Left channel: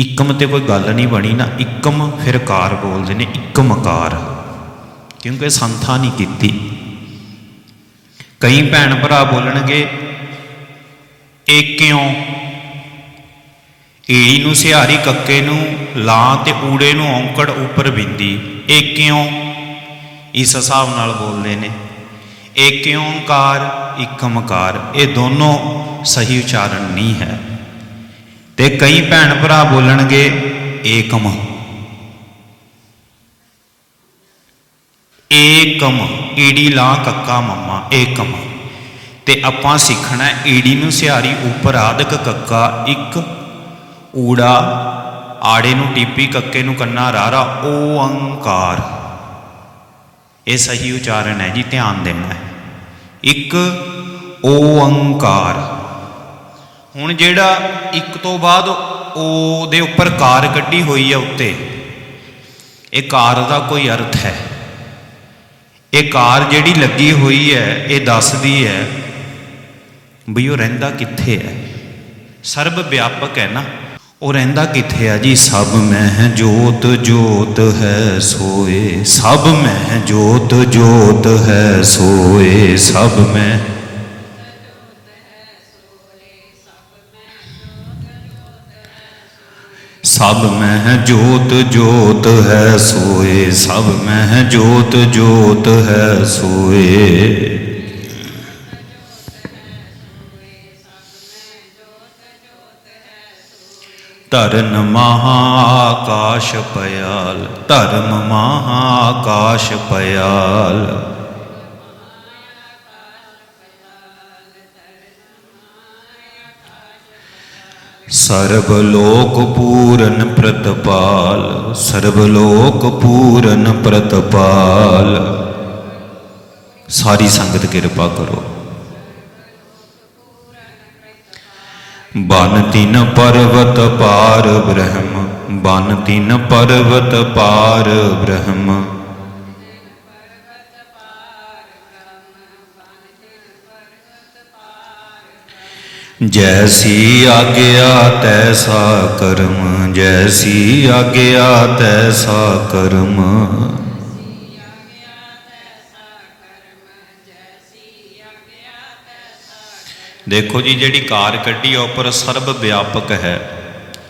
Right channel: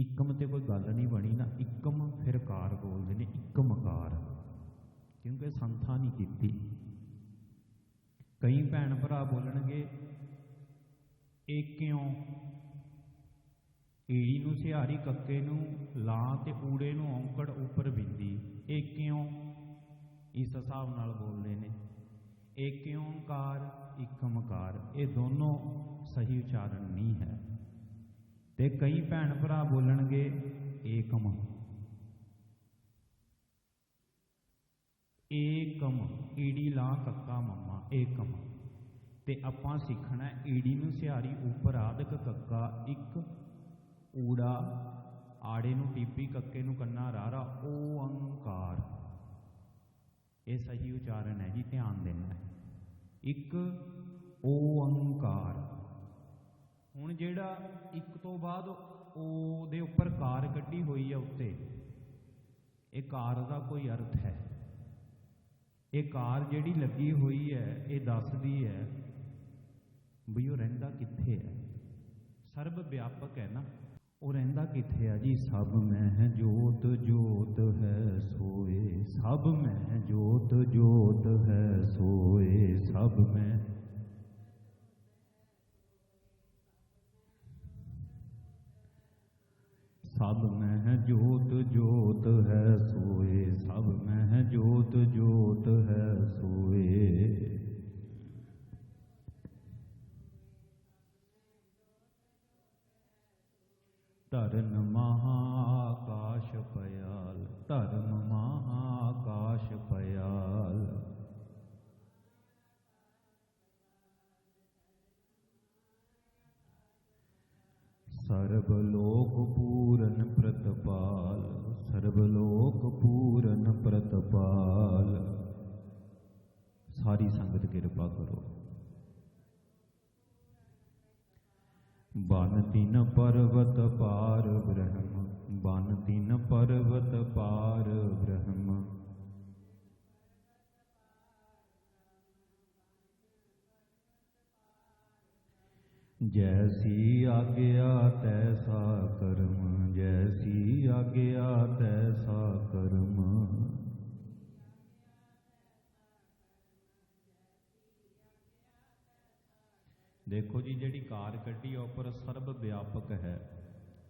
ਇਕਮ ਤੇ ਕੋਈ ਗੱਲ ਨਹੀਂ ਬਣੀ ਨਾ, ਇੱਕਮ ਫਿਰ ਕਾਰ ਬੋਲਦੇ ਨੇ ਇਕਮਕਾਰ ਕਿਉਂਕਿ ਸੰਥਾ ਨਹੀਂ ਕੀਤੀ। ਕਈ ਭੈਣ ਭਰਾ ਬੋਲਣਗੇ, ਇਹ ਕਿਉਂ? ਈੜੀ ਨੂੰ ਸਿਹਾਰੀ ਕੱਕੇ ਨੂੰ ਲਾਂ ਤੇ ਊੜੇ ਨੂੰ ਔਂਕੜ ਉੱਪਰ ਬਿੰਦੀ। ਇਹ ਕਿਉਂ? ਇਸ ਹਿਸਾਬ ਨਾਲ ਬੋਲਦੇ ਨੇ। ਇਹ ਕਿਉਂਕਾਰ ਇਕਮਕਾਰ ਇਹ ਦੋਨੋਂ ਸਹੀ ਉਚਾਰਨ ਨਹੀਂ ਹੈ। ਤੇ ਕਈ ਭੈਣ ਭਰਾ ਬੋਲਣਗੇ, ਏਕਮ। ਏਕਮ, ਈੜੀ ਲਾਂ ਕੱਕਾ ਮੰਮਾ, ਏਕਮ। ਤੇ ਆਪਾਂ ਸਿੱਖਣਾ ਈੜੀ ਨੂੰ ਸਿਹਾਰੀ ਉੱਪਰ ਆਦਿਕ ਕੱਕਾ, ਇੱਕ ਊੜਾ, ਆੜੇ ਨੂੰ ਟੀਪੀ, ਕੱਕੇ ਨੂੰ ਕੰਨਾ, ਰਾਰਾ ਓੰਕਾਰ ਇਹ ਸਹੀ ਉਚਾਰਨ ਹੈ ਜੀ, ਧਿਆਨ ਦੇਣਾ ਹੈ। ਇੱਕ ਓੰਕਾਰ ਹੁਣ ਜਿਹੜਾ ਇੱਕ ਤੋਂ ਬਾਅਦ ਓ ਦੇ ਉੱਪਰ ਕਾਰ ਕੱਢੀ ਹੋਈ ਹੈ ਉੱਤੇ, ਇਹ ਕਾਰ ਦਾ ਕੋਈ ਅਰਥ ਹੈ। ਇਹ ਕਾਰ ਜਿਹੜੀ ਲੱਗੀ ਹੋਈ ਹੈ, ਇਹ ਦੱਸਦੀ ਹੈ ਵੀ ਉਹ ਰਹਿੰਦਾ ਕਿੱਥੇ ਹੈ। ਸਰਬ ਵਿਆਪਕ ਹੈ ਨਾ। ਉਹ ਰਹਿੰਦਾ ਕਿੱਥੇ ਆ ਜੀ? ਸਭ ਮਹਿ ਜੋਤ ਜੋਤ ਹੈ ਸੋਏ। ਸਭ ਮਹਿ ਜੋਤ ਜੋਤ ਹੈ ਸੋਏ। ਸਭ ਮਹਿ ਸਭ ਮਹਿ ਜੋਤ ਜੋਤ ਹੈ ਸੋਏ, ਸਭ ਮਹਿ ਜੋਤ ਜੋਤ ਹੈ ਸੋਏ। ਧਰਨ ਮਹਾਕਾਸ਼ ਪਿਆਲ ਧਰਮ ਮਹਾਕਾਸ਼ ਪਿਆਲ ਸਰਬ ਲੋਕ ਪੂਰਨ ਪ੍ਰਤਪਾਲ ਸਰਬ ਲੋਕ ਪੂਰਨ ਪ੍ਰਤਪਾਲ। ਸਾਰੀ ਸੰਗਤ ਕਿਰਪਾ ਕਰੋ। ਬਨ ਤਿਨ ਪਰਵਤ ਪਾਰ ਬ੍ਰਹਮ, ਬਨ ਤਿਨ ਪਰਵਤ ਪਾਰ ਬ੍ਰਹਮ। ਜੈਸੀ ਆਗਿਆ ਤੈਸਾ ਕਰਮ, ਜੈਸੀ ਆਗਿਆ ਤੈਸਾ ਕਰਮ। ਦੇਖੋ ਜੀ, ਜਿਹੜੀ ਕਾਰ ਕੱਢੀ ਆ, ਉੱਪਰ ਸਰਬ ਵਿਆਪਕ ਹੈ।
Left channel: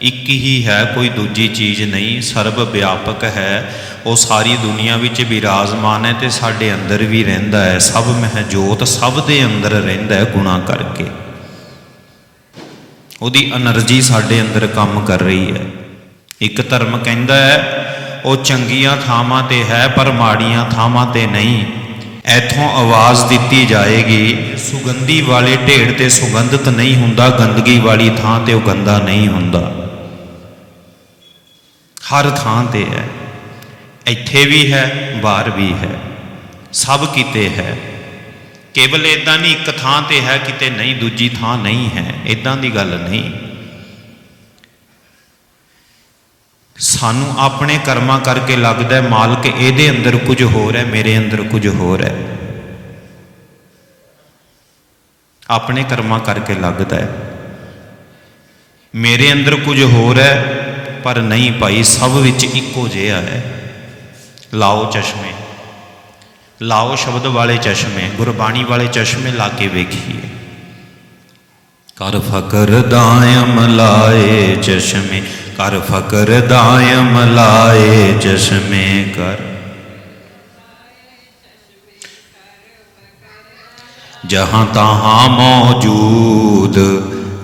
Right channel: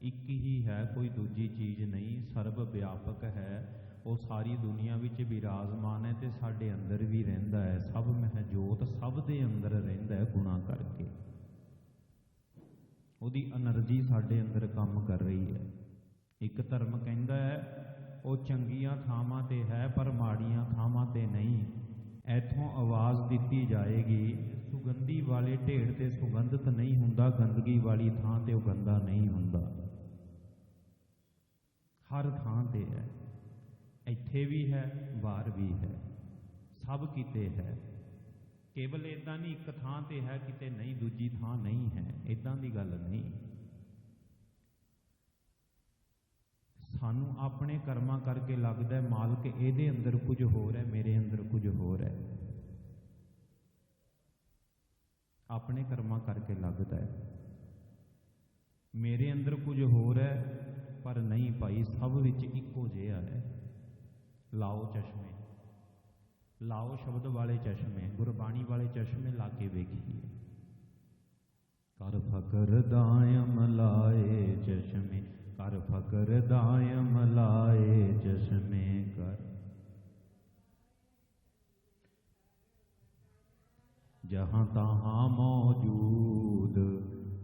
ਇੱਕ ਹੀ ਹੈ, ਕੋਈ ਦੂਜੀ ਚੀਜ਼ ਨਹੀਂ, ਸਰਬ ਵਿਆਪਕ ਹੈ। ਉਹ ਸਾਰੀ ਦੁਨੀਆ ਵਿੱਚ ਵਿਰਾਜਮਾਨ ਹੈ ਤੇ ਸਾਡੇ ਅੰਦਰ ਵੀ ਰਹਿੰਦਾ ਹੈ। ਸਭ ਮਹਿ ਜੋਤ ਸਭ ਦੇ ਅੰਦਰ ਰਹਿੰਦਾ ਹੈ ਗੁਣਾ ਕਰਕੇ। ਉਹਦੀ એનર્ਜੀ ਸਾਡੇ ਅੰਦਰ ਕੰਮ ਕਰ ਰਹੀ ਹੈ। ਇੱਕ ਧਰਮ ਕਹਿੰਦਾ ਹੈ, ਉਹ ਚੰਗੀਆਂ ਥਾਵਾਂ ਤੇ ਹੈ ਪਰ ਮਾੜੀਆਂ ਥਾਵਾਂ ਤੇ ਨਹੀਂ। ਐਥੋਂ ਆਵਾਜ਼ ਦਿੱਤੀ ਜਾਏਗੀ, ਸੁਗੰਧੀ ਵਾਲੇ ਢੇੜ ਤੇ ਸੁਗੰਧਤ ਨਹੀਂ ਹੁੰਦਾ, ਗੰਦਗੀ ਵਾਲੀ ਥਾਂ ਤੇ ਉਹ ਗੰਦਾ ਨਹੀਂ ਹੁੰਦਾ। ਹਰ ਥਾਂ ਤੇ ਹੈ। ਇੱਥੇ ਵੀ ਹੈ, ਬਾਹਰ ਵੀ ਹੈ। ਸਭ ਕਿਤੇ ਹੈ। ਕੇਵਲ ਇਦਾਂ ਨਹੀਂ, ਇੱਕ ਥਾਂ ਤੇ ਹੈ ਕਿਤੇ ਨਹੀਂ, ਦੂਜੀ ਥਾਂ ਨਹੀਂ ਹੈ। ਇਦਾਂ ਦੀ ਗੱਲ ਨਹੀਂ। ਸਾਨੂੰ ਆਪਣੇ ਕਰਮਾਂ ਕਰਕੇ ਲੱਗਦਾ ਮਾਲਕ ਇਹਦੇ ਅੰਦਰ ਕੁਝ ਹੋਰ ਹੈ, ਮੇਰੇ ਅੰਦਰ ਕੁਝ ਹੋਰ ਹੈ। ਆਪਣੇ ਕਰਮਾਂ ਕਰਕੇ ਲੱਗਦਾ ਹੈ। ਮੇਰੇ ਅੰਦਰ ਕੁਝ ਹੋਰ ਹੈ, ਪਰ ਨਹੀਂ ਭਾਈ, ਸਭ ਵਿੱਚ ਇੱਕੋ ਜਿਹਾ ਹੈ। ਲਾਓ ਚਸ਼ਮੇ। ਲਾਓ ਸ਼ਬਦ ਵਾਲੇ ਚਸ਼ਮੇ, ਗੁਰਬਾਣੀ ਵਾਲੇ ਚਸ਼ਮੇ ਲਾ ਕੇ ਵੇਖੀਏ। ਕਰ ਫਕਰ ਦਾਇਮ ਲਾਏ ਚਸ਼ਮੇ, ਕਰ ਫਕਰ ਦਾਇਮ ਲਾਏ ਚਸ਼ਮੇ, ਕਰ। ਜਹਾਂ ਤਹਾਂ ਮੌਜੂਦ,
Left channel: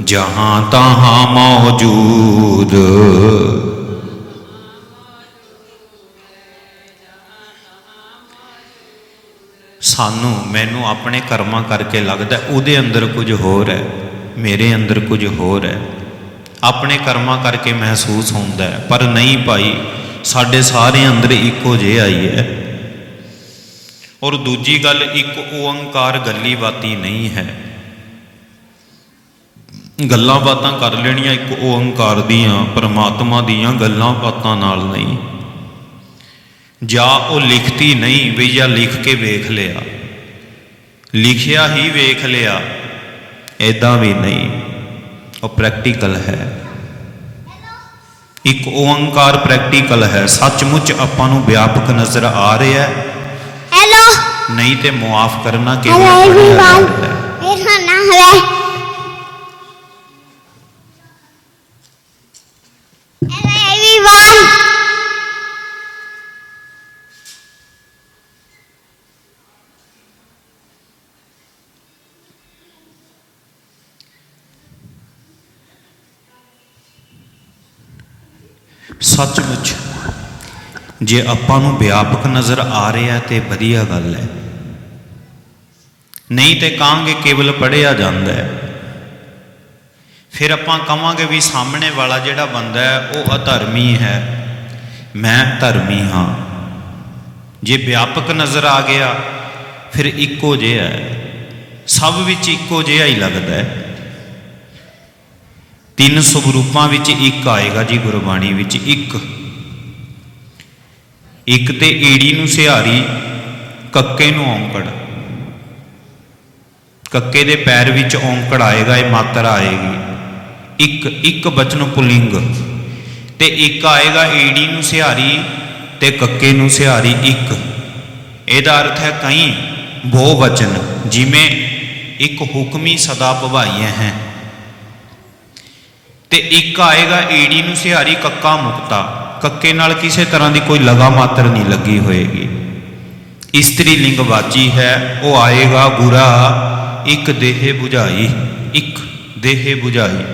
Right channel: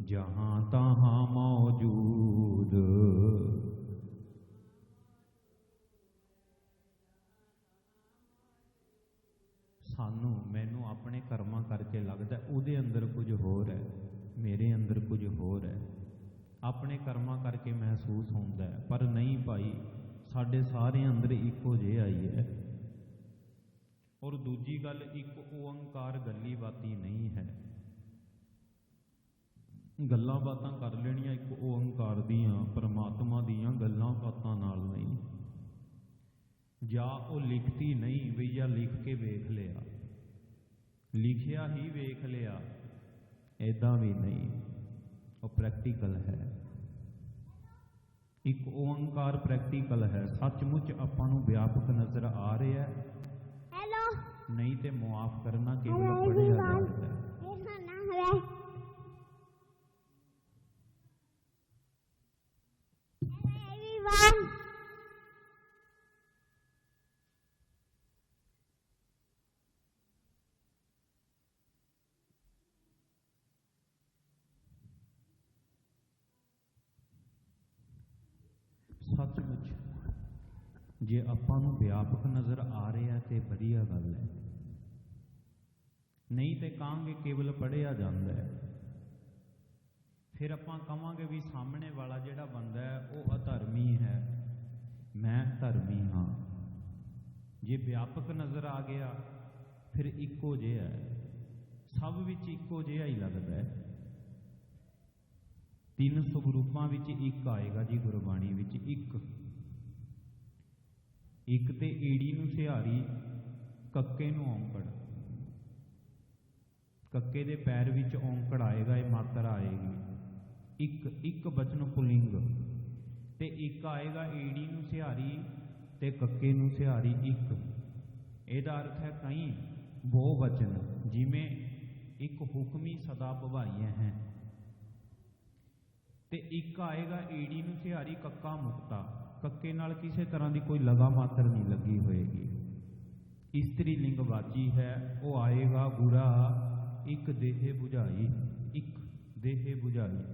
ਜਹਾਂ ਤਹਾਂ ਮੌਜੂਦ। ਸਾਨੂੰ, ਮੈਨੂੰ ਆਪਣੇ ਕਰਮਾਂ ਕਰਕੇ ਲੱਗਦਾ ਉਹਦੇ ਅੰਦਰ ਕੁਝ ਹੋਰ ਹੈ, ਮੇਰੇ ਅੰਦਰ ਕੁਝ ਹੋਰ ਹੈ। ਆਪਣੇ ਕਰਮਾਂ ਕਰਕੇ ਮਹਿਸੂਸ ਹੁੰਦਾ ਹੈ, ਪਰ ਨਹੀਂ ਭਾਈ, ਸਾਡੇ ਸਾਰੇ ਅੰਦਰ ਇੱਕੋ ਜਿਹਾ ਹੀ ਹੈ। ਔਰ ਦੂਜੀ ਗੱਲ, ਇੱਕ ਓੰਕਾਰ ਗੱਲੀ ਬਾਤੀ ਨਹੀਂ ਹੈ। ਗੱਲਾਂ ਬਾਤਾਂ ਕਰ ਲੈਣੀਆਂ ਇੱਕ ਓੰਕਾਰ ਦੀਆਂ, ਪਰਮਾਤਮਾ ਦੀਆਂ ਗੱਲਾਂ ਬਾਤਾਂ ਨਾਲ ਨਹੀਂ। ਜਾਂ ਉਹ ਲਿਖਤੀ ਨਹੀਂ ਵੀ ਜਾਂ ਲਿਖ ਕੇ ਵੇਖ ਲਿਆ। ਲਿਖਿਆ ਹੀ ਵੇਖ ਲਿਆ। ਐਦਾਂ ਵੀ ਨਹੀਂ। ਉਹ ਪ੍ਰੈਕਟੀਕਲ ਹੈ। ਇੱਕ ਓੰਕਾਰ ਪ੍ਰੈਕਟੀਕਲ ਹੈ। ਸੱਚਮੁੱਚ ਆਪਾਂ ਨੂੰ ਵਿਆਪਕ ਨਜ਼ਰ ਆ ਰਿਹਾ ਹੈ। Hello. ਨਹੀਂ ਤੇ ਮੁਆਫ ਕਰਨਾ ਕਿਵੇਂ ਹੈ। ਮੇਰਾ ਨਾਮ ਹੈ ਸੱਚਮੁੱਚ। ਜੇ ਆਪਾਂ ਨੂੰ ਵਿਆਪਕ ਨਜ਼ਰ ਆ ਰਿਹਾ ਤੇ ਵਧੀਆ ਗੱਲ ਹੈ। ਨਹੀਂ ਤੇ ਕਹਾਂਗੇ ਕੇਵਲ ਪੜਿਆ ਜਾਂਦਾ ਹੈ। ਫਿਰ ਆਪਾਂ ਕਹਾਂਗੇ ਵੀ ਸਾਹਮਣੇ ਵਾਲਾ ਜਿਹੜਾ ਬੰਦਾ ਹੈ, ਉਹ ਅਧਰਮੀ ਹੈ। ਮੈਂ ਧਰਮੀ ਹਾਂ। ਜੇ ਵਿਆਪਕ ਨਜ਼ਰ ਆ ਗਿਆ, ਫਿਰ ਇੱਕੋ ਜਿਹਾ ਹੈ। ਸਭ ਵਿੱਚ ਇੱਕੋ ਜਿਹਾ ਹੀ ਲੱਗਦਾ ਹੈ। ਤਿੰਨ ਸਵਰੂਪਾਂ ਵਿੱਚ ਇੱਕ ਆਏਗਾ ਜੀ ਗੁਰਬਾਣੀ ਵਿੱਚ, ਇੱਕ। ਇੱਕ ਤੇ ਈੜੀ ਨੂੰ ਸਿਹਾਰੀ, ਕੱਕੇ ਨੂੰ ਔਂਕੜ। ਕੱਕੇ ਦੇ ਪੈਰ ਵਿੱਚ ਔਂਕੜ ਆਏਗਾ, ਇਹ ਮਾਤਰਾ ਆਏਗੀ। ਇੱਕ ਇੱਕ ਬਚਨ ਪੁਲਿੰਗ। ਤੇ ਇੱਕ ਆਏਗਾ ਈੜੀ ਨੂੰ ਸਿਹਾਰੀ ਤੇ ਕੱਕੇ ਨੂੰ ਸਿਹਾਰੀ, ਇੱਕ। ਇਹਦਾ ਅਰਥ ਹੈ ਕਈ ਬਹੁ ਵਚਨ ਜਿਵੇਂ ਇੱਕ ਹੁਕਮੀ ਸਦਾ ਭਵਾਈਆਂ ਹੈ। ਤੇ ਇੱਕ ਆਏਗਾ ਈੜੀ ਨੂੰ ਸਿਹਾਰੀ ਕੱਕਾ ਮੁਕਤਾ। ਕੱਕੇ ਨਾਲ ਕਿਸੇ ਤਰ੍ਹਾਂ ਦੀ ਕੋਈ ਲਗਾ ਮਾਤਰ ਨਹੀਂ ਲੱਗੀ ਹੋਏਗੀ। ਇਸਤਰੀ ਲਿੰਗ ਵਾਚੀ ਹੈ, ਉਹ ਆਏਗਾ ਗੁਰਾ ਇੱਕ ਦੇਹ 부ਝਾਈ ਇੱਕ ਦੇਹ 부ਝਾਈ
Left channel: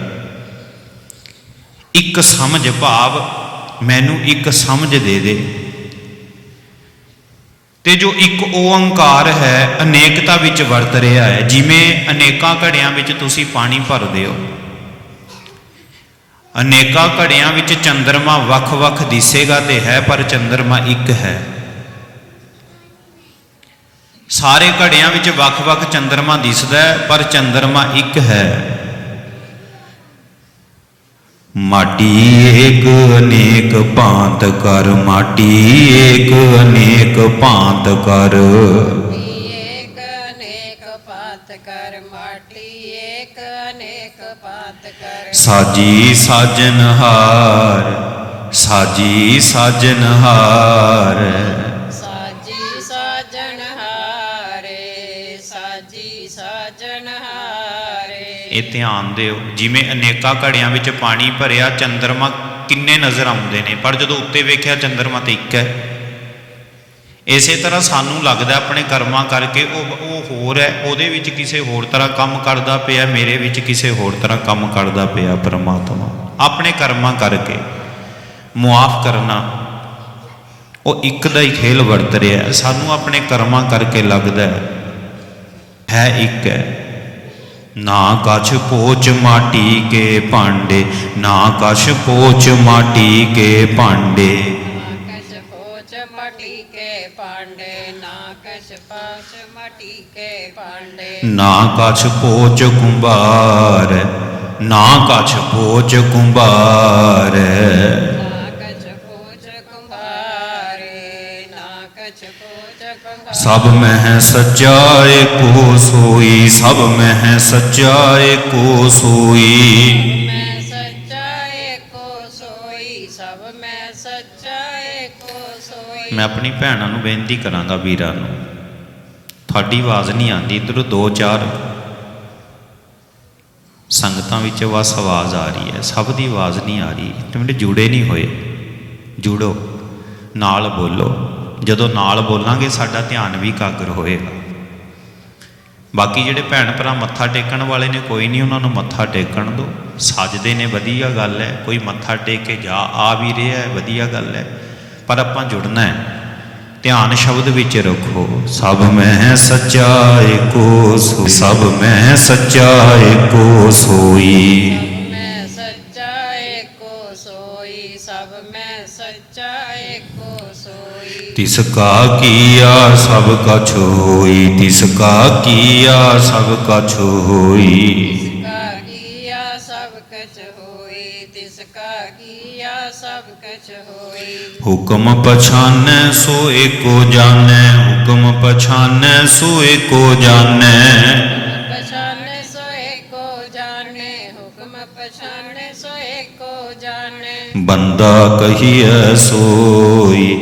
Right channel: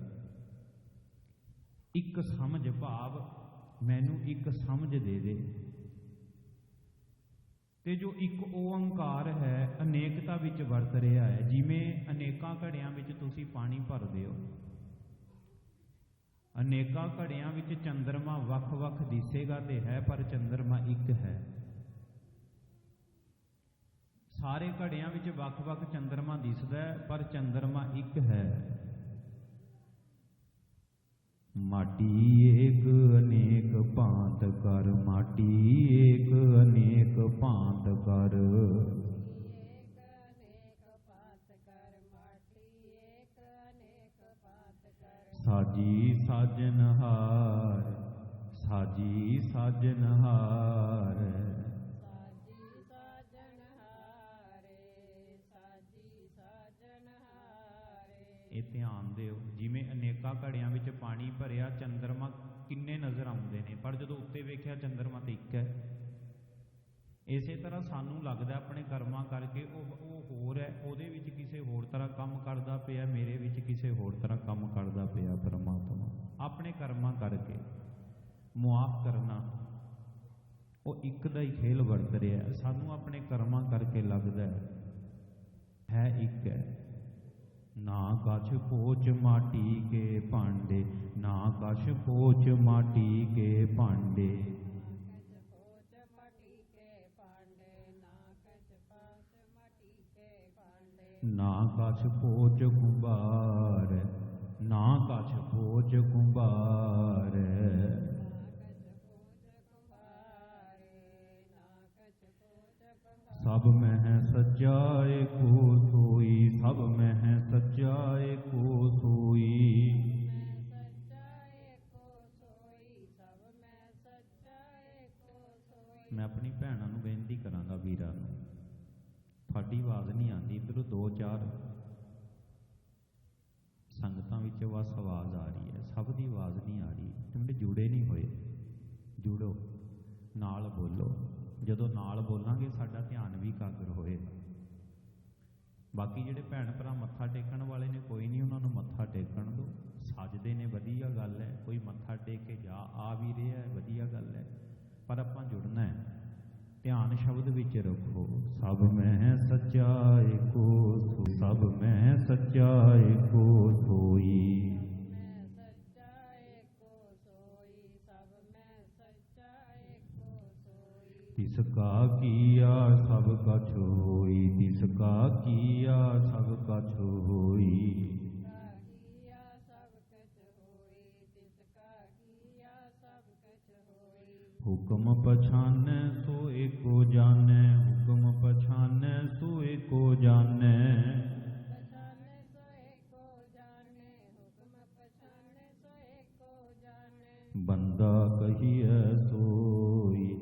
ਇੱਕ ਸਮਝ ਭਾਵ, ਮੈਨੂੰ ਇੱਕ ਸਮਝ ਦੇ ਦੇ। ਤੇ ਜੋ ਇੱਕ ਓੰਕਾਰ ਹੈ, ਅਨੇਕਤਾ ਵਿੱਚ ਵਰਤ ਰਿਹਾ ਹੈ। ਜਿਵੇਂ ਅਨੇਕਾਂ ਘੜਿਆਂ ਵਿੱਚ ਤੁਸੀਂ ਪਾਣੀ ਭਰਦੇ ਹੋ। ਅਨੇਕਾਂ ਘੜਿਆਂ ਵਿੱਚ ਚੰਦਰਮਾ ਵੱਖ-ਵੱਖ ਦਿਸੇਗਾ ਤੇ ਹੈ, ਪਰ ਚੰਦਰਮਾ ਇੱਕ ਹੈ। ਸਾਰੇ ਘੜਿਆਂ ਵਿੱਚ ਵੱਖ-ਵੱਖ ਚੰਦਰਮਾ ਦਿਸਦਾ ਹੈ, ਪਰ ਚੰਦਰਮਾ ਇੱਕ ਹੈ। ਮਾਟੀ ਏਕ ਅਨੇਕ ਭਾਂਤ ਕਰ, ਮਾਟੀ ਏਕ ਅਨੇਕ ਭਾਂਤ ਕਰ। ਏਕ ਅਨੇਕ ਪਾਤ ਕਰ। ਸਾਜੀ ਸਾਜਨਹਾਰ ਸਾਜੀ ਸਾਜਨਹਾਰ ਸਾਜੀ ਸਾਜਣ ਹਾਰੇ ਸਾਜੀ ਸਾਜਣ ਹਾਰੇ। ਇਹ ਧਿਆਨ ਦਿਓ ਜਿਵੇਂ ਅਨੇਕਾਂ ਘੜਿਆਂ ਵਿੱਚ ਪਾਣੀ ਭਰਿਆ ਚੰਦਰਮਾ ਕਿੰਨੇ ਨਜ਼ਰ ਆਉਂਦੇ ਨੇ। ਪਰ ਜਦੋਂ ਉੱਤੇ ਵੇਖਿਆ ਚੰਦਰਮਾ ਤੇ ਇੱਕ ਹੈ। ਇਸੇ ਤਰ੍ਹਾਂ ਸਾਨੂੰ ਲੱਗਦਾ ਆਪਣੇ ਕਰਮਾਂ ਕਰਕੇ ਉਹ ਉਹ ਹੋਰ ਹੈ, ਉਹਦੇ ਵਿੱਚ ਕਿਸੇ ਹੋਰ ਤਰ੍ਹਾਂ ਕੰਮ ਕਰਦਾ ਪਿਆ, ਮੇਰੇ ਵਿੱਚ ਕਿਸੇ ਹੋਰ ਤਰ੍ਹਾਂ ਕੰਮ ਕਰਦਾ ਪਿਆ ਪਰਮਾਤਮਾ। ਆਪਣੇ ਕਰਮਾਂ ਕਰਕੇ ਮੁਆਫ ਕਰਨਾ, ਉਹ ਇੱਕ ਦਾ ਹੀ ਖੇਲ ਵਰਤ ਰਿਹਾ ਸਾਨੂੰ ਆਪਣੇ ਕਰਮਾਂ ਕਰਕੇ ਲੱਗਦਾ ਹੈ ਹੈ ਇੱਕ ਹੈ, ਨਾ ਕਛ ਪੋਚ ਮਾਟੀ ਕੇ ਭਾਂਡੇ, ਨਾ ਕਛ ਪੋਚ ਮਾਟੀ ਕੇ ਭਾਂਡੇ। ਨਾ ਕਛ ਪੋਚ ਕੁੰਭਾਰ ਨਾ ਕਛ ਪੋਚ ਕੁੰਭਾਰੇ। ਸਭ ਮਹਿ ਮਹਿ ਸੱਚਾ ਏਕੋ ਸੋਈ। ਸਭ ਮੈਂ ਸੱਚਾ ਏਕੋ ਸੋਈ। ਮੈਂ ਆਪਣੀ ਭੈਣਾਂ ਨੂੰ ਬੇਨਤੀ ਕਰਾਂਗਾ ਵੀਰਾਂ ਨੂੰ। ਤੁਹਾਡੀ ਆਵਾਜ਼ ਨਹੀਂ ਆਉਂਦੀ, ਇਧਰੋਂ ਦੋ ਚਾਰ ਸੰਗਤਾਂ ਵਿੱਚ ਬਸ ਆਵਾਜ਼ ਆ ਰਹੀ ਹੈ। ਸਭ ਦੀ ਆਵਾਜ਼ ਨਹੀਂ ਆ ਰਹੀ। ਮੇਰੇ ਜੁੜੇ ਨਹੀਂ ਹੋਏ। ਜੁੜੋ। ਨਾਲ ਬੋਲੋ। ਜਦੋਂ ਨਾਲ ਬੋਲਾਂਗੇ, ਸਾਡਾ ਧਿਆਨ ਵੀ ਕਾਗਰ ਹੋਏਗਾ। ਬਾਕੀ ਜਿਹੜੇ ਭੈਣ ਭਰਾ ਮੱਥਾ ਟੇਕਣ ਵਾਲੇ ਨੇ, ਕੋਈ ਨਹੀਂ, ਉਹਨਾਂ ਨੂੰ ਮੱਥਾ ਟੇਕਣ ਦਿਓ। ਸੱਜਦੇ ਨੇ, ਵਧੀਆ ਗੱਲ ਹੈ। ਕੋਈ ਮੱਥਾ ਟੇਕ ਕੇ ਜਾ, ਆ ਵੀ ਰਿਹਾ ਹੈ, ਵਧੀਆ ਗੱਲ ਹੈ। ਪਰ ਆਪਾਂ ਜੁੜਨਾ ਹੈ। ਧਿਆਨ ਸ਼ਬਦ ਵਿੱਚ ਰੱਖੋ। ਸਭ ਮੈਂ ਸੱਚਾਏ ਕੋ ਸੋ ਸਭ ਮੈਂ ਸੱਚਾਏ ਕੋ ਸੋਈ ਮੈਂ ਸੱਚਾ ਏਕੋ ਸੋਈ। ਸਭ ਮੈਂ ਸੱਚਾ ਏਕੋ ਸੋਈ। ਤਿਸ ਕਾ ਕੀਆ ਸਭ ਕਛ ਹੋਈ। ਤਿਸ ਕਾ ਕੀਆ ਸਭ ਕਛ ਹੋਈ। ਹੁਕਮ ਪਛਾਨੈ ਸੋ ਏਕੋ ਜਾਣੈ ਹੁਕਮ ਪਛਾਨੈ ਸੋ ਏਕੋ ਜਾਣੈ। ਪਛਾਨੇ ਸੋ ਏਕੋ ਜਾਣੇ ਹੁਕਮ ਪਛਾਨੇ ਸੋ ਏਕੋ ਜਾਣੇ। ਬੰਦਾ ਕਹੀਐ ਸੋਈ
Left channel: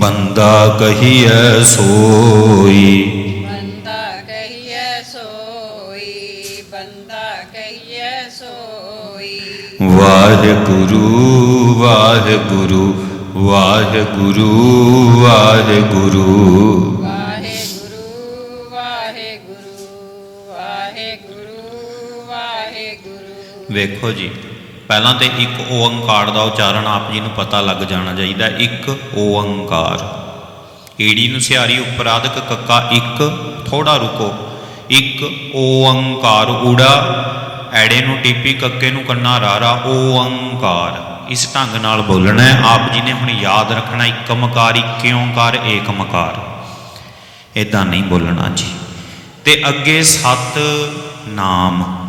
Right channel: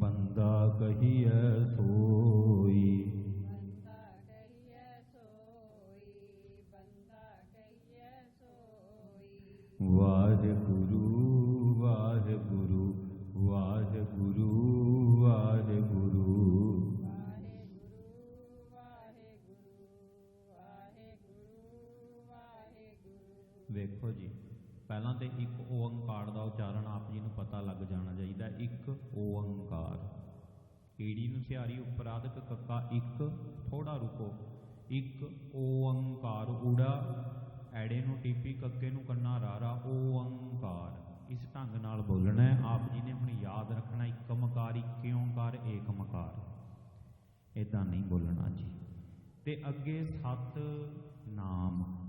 ਬੰਦਾ ਕਹੀਐ ਸੋਈ। ਬੰਦਾ ਕਹੀਐ ਸੋਈ ਬੰਦਾ ਕਹੀਐ ਸੋਈ। ਵਾਹਿਗੁਰੂ ਵਾਹਿਗੁਰੂ ਵਾਹਿਗੁਰੂ ਵਾਹਿਗੁਰੂ। ਵਾਹਿਗੁਰੂ ਵਾਹਿਗੁਰੂ ਵਾਹਿਗੁਰੂ ਵਾਹਿਗੁਰੂ। ਵੇਖੋ ਜੀ ਪਹਿਲਾਂ ਤੇ ਇੱਕ ਓੰਕਾਰ ਦਾ ਉਚਾਰਨ ਆਪ ਜੀ ਨੂੰ ਪਤਾ ਲੱਗ ਜਾਣਾ ਚਾਹੀਦਾ ਇੱਕ ਓੰਕਾਰ ਈੜੀ ਨੂੰ ਸਿਹਾਰੀ ਉਪਰਾਧਕ ਕੱਕਾ ਇੱਕ ਥੋੜਾ ਰੁਕੋ। ਇੱਕ ਓੰਕਾਰ ਊੜਾ ਐੜੇ ਨੂੰ ਟੀਪੀ ਕੱਕੇ ਨੂੰ ਕੰਨਾ ਰਾਰਾ ਓੰਕਾਰ ਇਸ ਢੰਗ ਨਾਲ ਬੋਲਣਾ ਹੈ, ਆਪ ਜੀ ਨੇ ਹੁਣ ਯਾਦ ਰੱਖਣਾ ਇੱਕ ਮਕਾਰ ਇੱਕ ਓੰਕਾਰ ਏਕ ਮਕਾਰ ਇਦਾਂ ਨਹੀਂ ਬੋਲਣਾ ਜੀ। ਤੇ ਅੱਗੇ ਸਤ ਨਾਮ।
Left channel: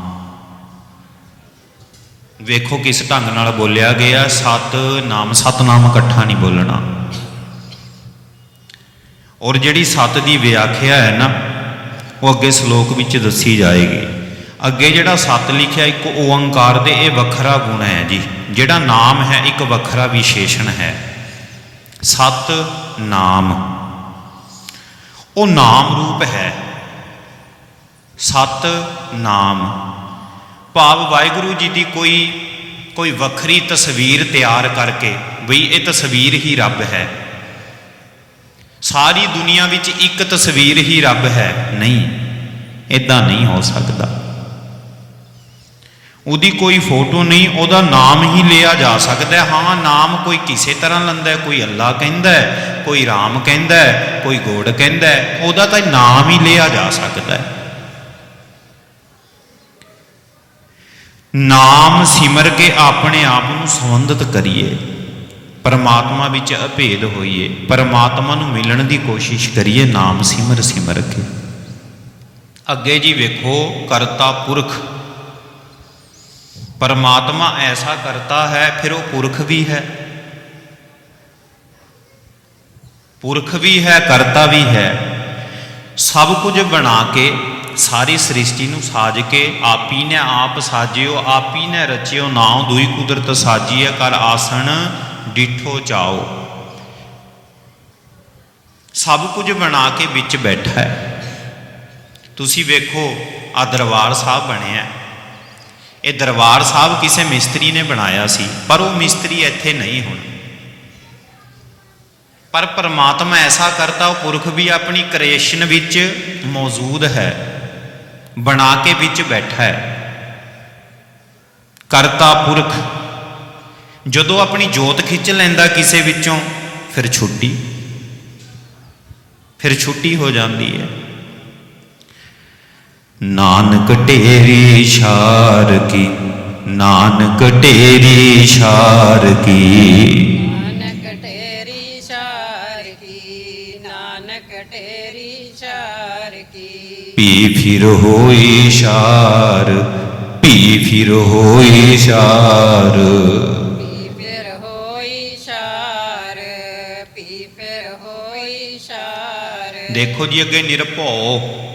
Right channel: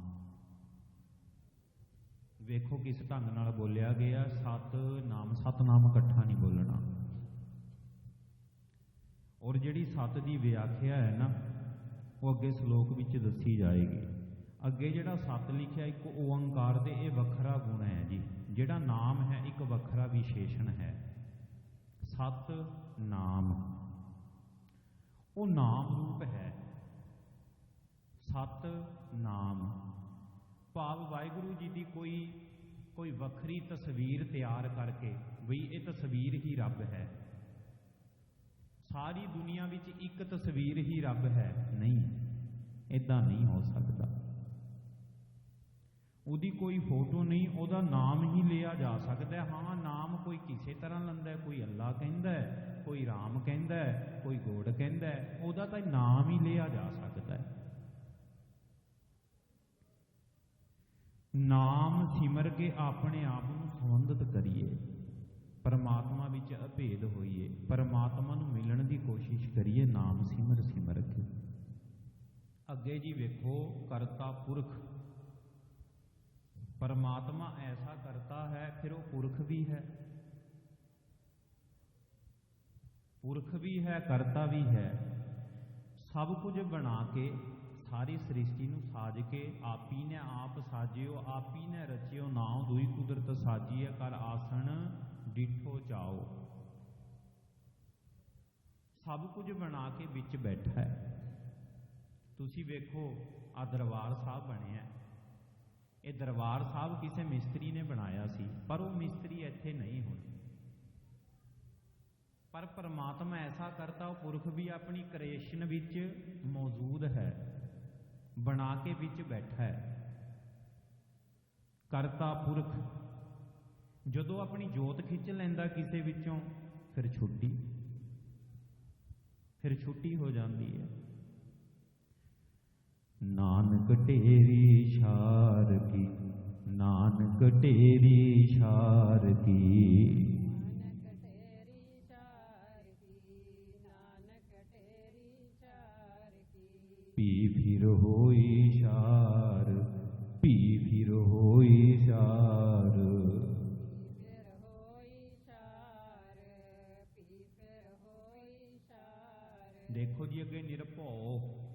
ਵੇਖੋ ਕਿਸ ਢੰਗ ਨਾਲ ਬੋਲਿਆ ਗਿਆ, ਸਤ ਨਾਮ ਸਤਨਾਮ ਇਕੱਠਾ ਨਹੀਂ ਬੋਲਣਾ। ਔਰ ਜਿਹੜੀ ਸਤ ਦੀ ਵਿਆਖਿਆ ਹੈ ਨਾ, ਉਹ ਅੱਗੇ ਸ਼ਲੋਕ ਵਿੱਚ ਦੱਸੀ ਜਾਏਗੀ। ਅੱਗੇ ਜਿਹੜਾ ਸਤ ਲਿਖਿਆ ਇੱਕ ਓੰਕਾਰ ਦੇ ਇਹ ਵੱਖਰਾ ਗੁਣ ਹੈ ਜੀ, ਜਿਹੜਾ ਨਾਮ ਹੈ, ਇੱਕ ਵੱਖਰਾ ਵਿਸ਼ੇਸ਼ਣ ਹੈ। ਸਤ ਨਾਮ। ਉਹ ਨਾਮ ਰੂਪ ਹੈ। ਸਤ ਨਾਮ। ਭਾਵ ਵਾਹਿਗੁਰੂ ਜੀ ਦੀ ਕੋਈ ਕੋਈ ਵੱਖਰੀ ਤਸਵੀਰ ਤਿਆਰ ਕਰਕੇ ਬਈ ਇਹ ਤਸਵੀਰ ਹੀ ਰੱਬ ਹੈ। ਸਾਰੀ ਦੁਨੀਆ ਵਿੱਚ ਇੱਕ ਤਸਵੀਰ ਹੀ ਰੱਬ ਹੈ। ਨਹੀਂ ਇਦਾਂ ਨਹੀਂ ਹੋ ਸਕਦਾ। ਉਹਦੀ ਕੋਈ ਫੋਟੋ ਨਹੀਂ, ਉਹਦਾ ਨਾਮ ਹੀ ਲਿਆ ਜਾ ਸਕਦਾ ਹਾਂ। ਨਾਮ ਕੋਈ ਕਿਸੇ ਤਰ੍ਹਾਂ ਲੈਂਦਾ ਕੋਈ ਅੱਲਾ ਕਹਿੰਦਾ ਕੋਈ ਰਾਮ ਕਹਿੰਦਾ ਕੋਈ ਗੋਡ ਕਹਿੰਦਾ ਉਹਦਾ ਤਾਂ ਨਾਮ ਹੀ ਲਿਆ ਜਾ ਸਕਦਾ ਨਾਮ ਸਿਮਰ ਕੇ ਆਪਣੇ ਆਪ ਨੂੰ ਸੰਬੰਧਿਤ ਕਰੀਏ। ਪਰਮਾਤਮਾ ਵਿੱਚ ਅਭੇਦ ਹੋਈਏ। ਪਰਮਾਤਮਾ ਨੂੰ ਮਿਲਣ ਦੀ ਕੋਸ਼ਿਸ਼ ਕਰੀਏ, ਨਾਮ ਸਿਮਰ ਸਿਮਰ ਕੇ। ਅੱਗੇ ਜੀ ਵੇਖੋ, ਕਰਤਾ ਪੁਰਖ। ਪਰਮਾਤਮਾ ਐਸਾ ਕਰਤਾ ਹੈ, ਫਿਰ ਉਹ ਪੁਰਖ ਵੀ ਹੈ। ਪੁਰਖ ਵੀ ਹੈ, ਕਰਤਾ ਵੀ ਹੈ। ਸਭ ਕੁਝ ਬਣਾ ਕੇ, ਸਾਰੀ ਸ੍ਰਿਸ਼ਟੀ ਨੂੰ ਸਾਜ ਕੇ, ਆਪੀ ਨੇ ਆਪ ਸਾਜਿਓ, ਆਪੀ ਨੇ ਰਚਿਓ, ਨਾਉ ਦੁਈ ਕੁਦਰਤ ਸਾਜੀ ਹੈ, ਕਰ ਆਸਣ ਡਿਠੋ ਚਾਓ। ਸਭ ਕੁਝ ਬਣਾ ਕੇ ਵਿੱਚ ਬੈਠਾ ਹੈ। ਤੁਸੀਂ ਵੇਖੋ ਆ ਦਰਬਾਰ ਸਾਹਿਬ ਬਣਿਆ ਇਹ ਦਰਬਾਰ ਸਾਹਿਬ ਕਿਸੇ ਮਿਸਤਰੀ ਨੇ ਬਣਾਇਆ ਸੀ, ਪਰ ਉਹ ਮਿਸਤਰੀ ਇੱਥੇ ਨਹੀਂ ਹੁਣ। ਪਰ ਪਰਮਾਤਮਾ ਐਸਾ ਕਰਤਾ ਉਹ ਪੁਰਖ ਵੀ ਆਪਣੀ ਕ੍ਰੀਏਸ਼ਨ ਵਿੱਚ ਮੌਜੂਦ ਹੈ, ਬਣਾ ਕੇ ਵਿੱਚ ਬੈਠਾ ਹੈ। ਕਰਤਾ ਪੁਰਖ, ਜਦੋਂ ਆਪਣੀ ਜੋਤ ਖਿੱਚ ਲੈਂਦਾ ਕਿਸੇ ਵਿੱਚੋਂ, ਫਿਰ ਛੁੱਟੀ। ਫਿਰ ਛੁੱਟੀ ਹੋ ਜਾਂਦੀ ਹੈ। ਨਾਨਕ ਢੇਰੀ ਛਾਰ ਕੀ ਨਾਨਕ ਢੇਰੀ ਛਾਰ ਕੀ। ਨਾਨਕ ਢੇਰੀ ਛਾਰ ਕੀ ਨਾਨਕ ਢੇਰੀ ਛਾਰ ਕੀ। ਪੀ ਫਿਰ ਹੋਈ ਛਾਰ ਪੀ ਫਿਰ ਹੋਈ ਛਾਰ। ਪੀ ਫਿਰ ਹੋਈ ਛਾਰ ਪੀ ਫਿਰ ਹੋਈ ਛਾਰ। ਦੇਖੋ ਜੀ ਅੱਗੇ ਨਿਰਭਉ।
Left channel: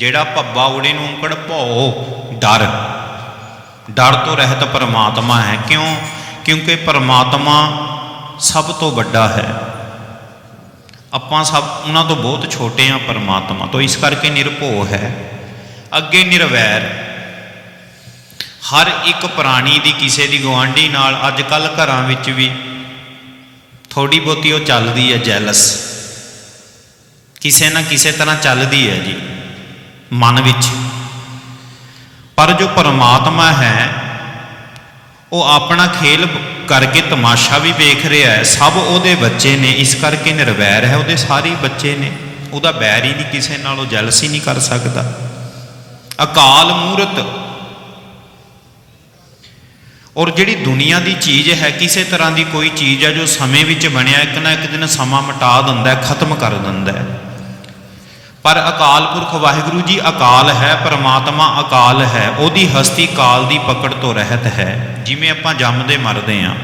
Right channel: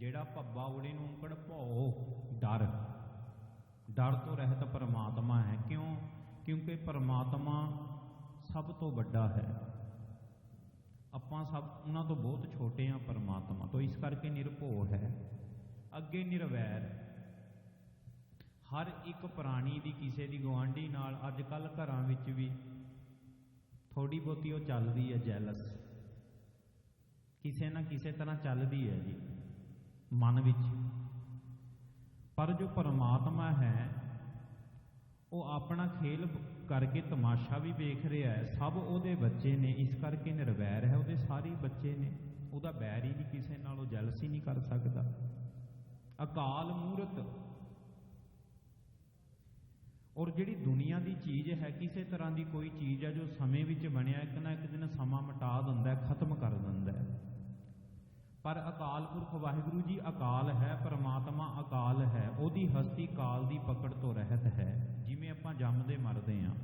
ਜਿਹੜਾ ਭੱਬਾ ਉੜੇ ਨੂੰ ਅੰਕੜ ਭਉ ਡਰ। ਡਰ ਤੋਂ ਰਹਿਤ ਪਰਮਾਤਮਾ ਹੈ। ਕਿਉਂ? ਕਿਉਂਕਿ ਪਰਮਾਤਮਾ ਸਭ ਤੋਂ ਵੱਡਾ ਹੈ। ਆਪਾਂ ਸਭ, ਉਹਨਾਂ ਤੋਂ ਬਹੁਤ ਛੋਟੇ ਆ ਪਰਮਾਤਮਾ ਤੋਂ। ਇਸ ਕਰਕੇ ਨਿਰਭਉ ਹੈ। ਅੱਗੇ ਨਿਰਵੈਰ। ਹਰ ਇੱਕ ਪ੍ਰਾਣੀ ਦੀ ਕਿਸੇ ਦੀ ਗਵਾਂਢੀ ਨਾਲ ਅੱਜ ਕੱਲ ਘਰਾਂ ਵਿੱਚ ਵੀ ਥੋੜੀ ਬਹੁਤੀ ਉਹ ਚੱਲਦੀ ਹੈ ਜੈਲਸ। ਕਿਸੇ ਨਾ ਕਿਸੇ ਤਰ੍ਹਾਂ ਚੱਲਦੀ ਹੈ ਜੀ। ਮਨ ਵਿੱਚ। ਪਰ ਜੋ ਪਰਮਾਤਮਾ ਹੈ, ਉਹ ਆਪਣਾ ਖੇਲ ਕਰਕੇ ਤਮਾਸ਼ਾ ਵੀ ਵੇਖ ਰਿਹਾ ਹੈ। ਸਭ ਉਹਦੇ ਬੱਚੇ ਨੇ, ਇਸ ਕਰਕੇ ਨਿਰਵੈਰ ਹੈ, ਉਹਦੇ ਸਾਰੇ ਬੱਚੇ ਨੇ। ਉਹਦਾ ਬੈਰ ਹੀ ਨਹੀਂ ਕਿਸੇ ਨਾਲ, ਉਹ ਜੈਲਸੀ ਨਹੀਂ ਕਰ ਸਕਦਾ। ਅਕਾਲ ਮੂਰਤ। ਔਰ ਜਿਹੜੀ ਦੁਨੀਆ ਦੀ ਚੀਜ਼ ਹੈ, ਕਿਸੇ ਤਰ੍ਹਾਂ ਦੀ ਕੋਈ ਚੀਜ਼ ਹੈ, ਜੋ ਸਮੇਂ ਵਿੱਚ ਬਣਿਆ, ਇੱਕ ਨਾ ਇੱਕ ਦਿਨ ਸਮਾਂ ਮਟਾ ਦਿੰਦਾ ਹੈ, ਖਤਮ ਕਰ ਦਿੰਦਾ ਹੈ। ਪਰ ਅਕਾਲ ਪੁਰਖ ਵਾਹਿਗੁਰੂ ਜੀ ਅਕਾਲ ਹੈ ਪਰਮਾਤਮਾ ਅਕਾਲ ਹੈ ਉਹਦੀ ਹਸਤੀ ਕਾਲ ਦੀ ਪਕੜ ਤੋਂ ਰਹਿਤ ਹੈ। ਜਿਵੇਂ ਆਪਾਂ ਜੰਮਦੇ ਮਰਦੇ ਆਂ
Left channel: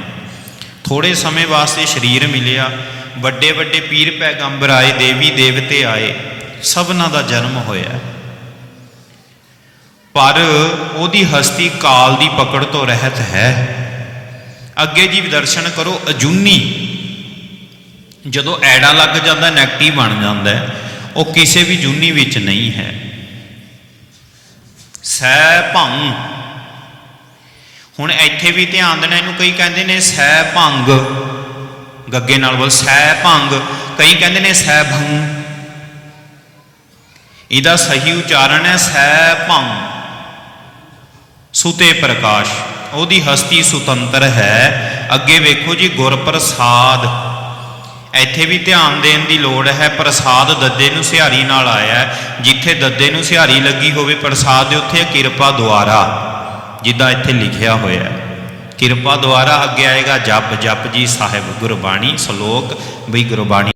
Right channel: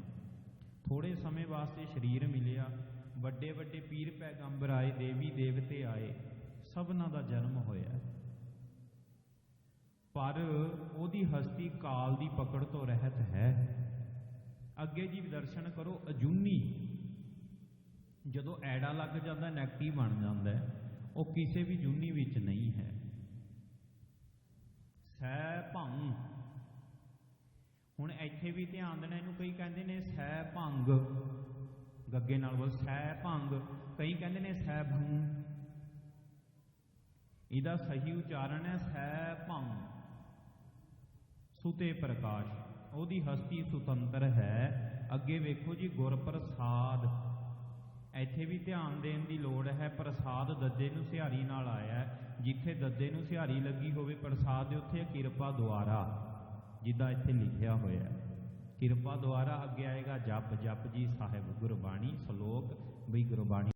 ਥੋੜੇ ਸਮੇਂ ਵਾਸਤੇ ਸਰੀਰ ਮਿਲਿਆ ਵੱਡੇ ਵੱਡੇ ਪੀਰ ਪੈਗੰਬਰ ਆਏ ਦੇਵੀ ਦੇਵਤੇ ਆਏ ਸਭਨਾਂ ਦਾ ਜਨਮ ਹੋਇਆ। ਪਰ ਉਹਦੀ ਹਸਤੀ ਕਾਲ ਦੀ ਪਕੜ ਤੋਂ ਰਹਿਤ ਹੈ। ਅੱਗੇ ਜੀ ਦਰਸ਼ਨ ਕਰੋ ਅਜੂਨੀ। ਜਦੋਂ ਐੜਾ ਲੱਗ ਜਾਂਦਾ ਨੈਗੇਟਿਵ ਬਣ ਜਾਂਦਾ ਹੈ, ਉਹ ਕਿਸੇ ਵੀ ਜੂਨੀ ਵਿੱਚ ਨਹੀਂ ਹੈ। ਸੈ ਭੰਗ। ਹੁਣ ਇੱਥੇ ਵੀ ਧਿਆਨ ਦੇਣਾ, ਇਹਨੂੰ ਕਈ ਕਹਿੰਦੇ ਨੇ ਸੈ ਭੰਗ। ਗੱਗੇ ਨਾਲ ਬੋਲ ਸੈ ਭੰਗ। ਕਈ ਕਹਿੰਦੇ ਨੇ ਸੈ ਭੰਗ। ਇਹਦਾ ਸਹੀ ਉਚਾਰਨ ਹੈ ਸੈ ਭੰਗ। ਸੁਤੇ ਪ੍ਰਕਾਸ਼। ਉਹਦੀ ਹਸਤੀ ਸੁਤੰਤਰ ਹੈ। ਅੱਗੇ ਵੇਖੋ ਜੀ ਗੁਰ ਪ੍ਰਸਾਦ ਇੱਥੇ ਵੀ ਧਿਆਨ ਦੇਣ ਦੀ ਲੋੜ ਹੈ, ਪ੍ਰਸਾਦ ਦੱਦੇ ਨੂੰ ਸਿਹਾਰੀ ਨਾਲ ਆਇਆ ਜਿੱਥੇ ਦੱਦੇ ਨੂੰ ਸਿਹਾਰੀ ਲੱਗੀ ਹੋਵੇ, ਪ੍ਰਸਾਦ ਦੇ ਉੱਥੇ ਕਿਰਪਾ ਦੁਆਰਾ, ਜਿੱਦਾਂ ਇੱਥੇ ਲਿਖਿਆ ਹੋਇਆ ਹੈ। ਕਿਰਪਾ ਦੁਆਰਾ ਅੱਗੇ ਆਏਗਾ ਜਪ ਜਪ ਜੀ ਸਾਹਿਬ, ਗੁਰਬਾਣੀ, ਸ਼ਲੋਕ, ਬਈ ਗੁਰਬਾਣੀ